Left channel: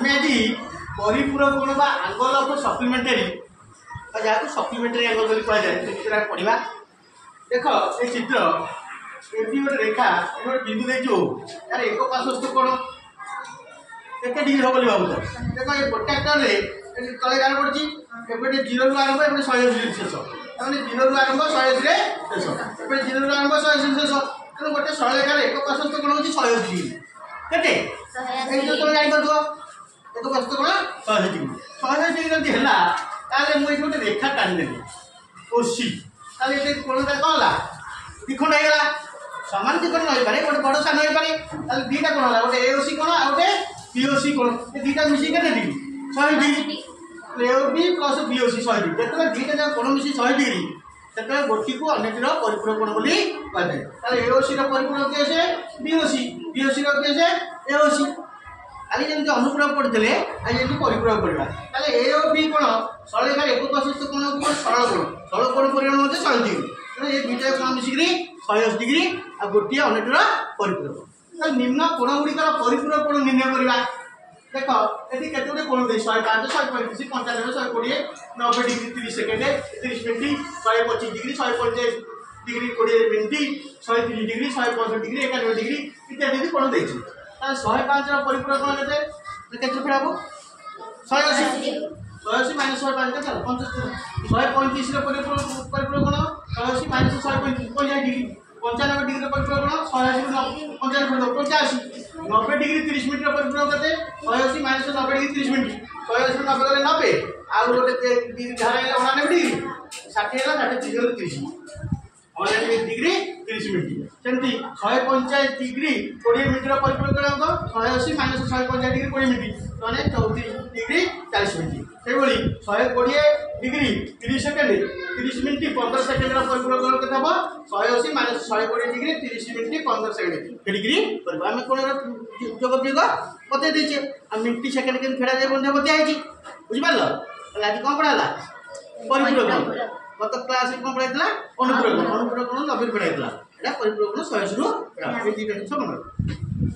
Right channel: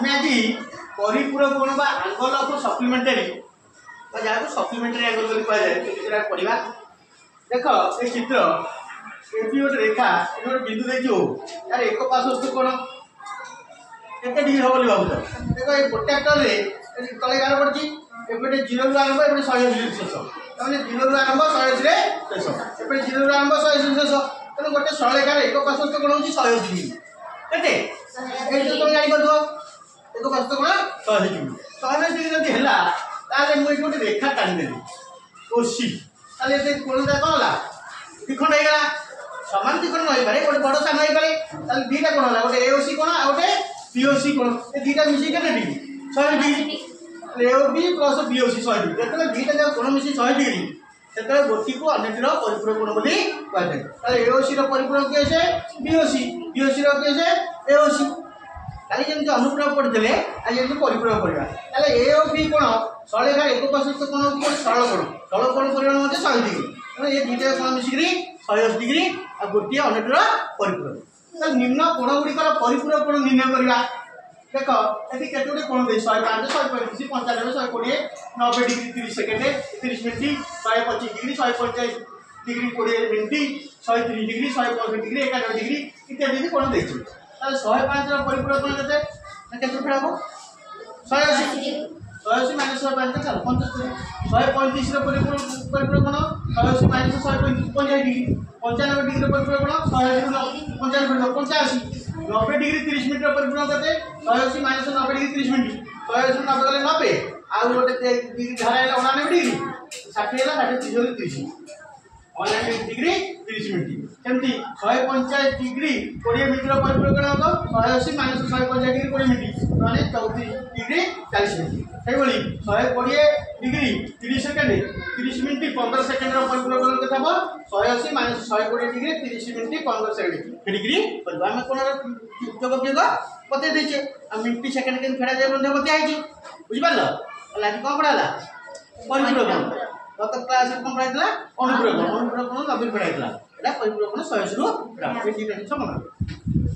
आम आज परिपूरक कोण बा एंगल ऑफ सप्लीमेंटरी जहाँ सप्लीमेंटरी एंगल बोली कह जाए पढ़ा। देख ये चित्र ये गोटे रेखा गोटे बिंदु देखो यार एक पार्श्वस्थ कोण केते डिग्री हो भाव देख ये प्रोट्रैक्टर तले गार पड़ी एपटे 0 रु आरंभ एपटे 180 शेष मैंने 0 रु आरंभ 180 शेष एपटे 0 रु आरंभ 180 शेष तेणु गोटे सरलेखार एक पार्श्वस्थ कोण हूँ 180 डिग्री केते तुम जापर एक पार्श्वस्थ कोण 180 डिग्री 180 डिग्री जब है मुझे गोटे रेखा टाणीदेली ओसी ताले कोणटा कौन है द्विखंड होगा सामान द्विखंड रही पारे गोटे बड़ सान हो पारे दुईटा कोण है गोटे एओसी कोण आ गोटे बीओसी कोण ये दुईटा मिसी के degree 100 degree AOB plus BOC 100 degree जो दुईटा जब कोण मिसी 100 डिग्री से गोटी को अन्यटीर परिपूरक कोण बोली कहुए एओसी परिपूरक किए से बीओसी बीओसी किए से एओसी काली जमी अनुपूरक पढ़ते आज जमी परिपूरक पढ़ा एओबी कोण सरलेखार एक पार्श्वस्थ कोण हूँ सरल कोण परिमाण 100 डिग्री तेनाली ये दुईटा कोण मिसिक 180 डिग्री आ गोटे अन्यटीर परिपूरक निम्न कोण गुड़िकर परिपूरक कोण निर्णय करवा। देख ये केतोटे कोण दे 105 135 95 120 90 degree 30 second 30 minute 125 degree 150 degree 20 minute 130 degree 165 degree 91 degree इत्यादि कोण दे 105 परिपूरक कोण केते फेर हम 180 180 माइनस 105 के 75 135 परिपूरक कोण 180 माइनस 150 डिग्री 95 डिग्री परिपूरक कोण 180 95 85 90 डिग्री 30 मिनट परिपूरक केते 180 माइनस 90 डिग्री 30 मिनट 180 90 गले 90 आउ गोटे डिग्री धारा 99 डिग्री 60 है 60 30 99 डिग्री 30 मिनट सेमती 150 डिग्री 20 मिनट परिपूरक कोण 180 माइनस 150 डिग्री 20 मिनट माने 34 डिग्री 40 मिनट से 120 डिग्री 30 सेकेंड 30 मिनट 15 सेकेंड परिपूरक कोण केते हम 180 minus 120 degree 30 minute 15 second degree करबा हम कोण जोग जोग बते देछे आ मिनट सेकेंड के फेरा जे बंधे बते आइछि बुझि पारलो आज कोन पढ़ाला परिपूरक गत क्लास में कोन पढ़ाइतला अनुपूरक अनुपूरक कोण 90 पढ़ाइतला एटा परिपूरक कोण 180 रु 180 मन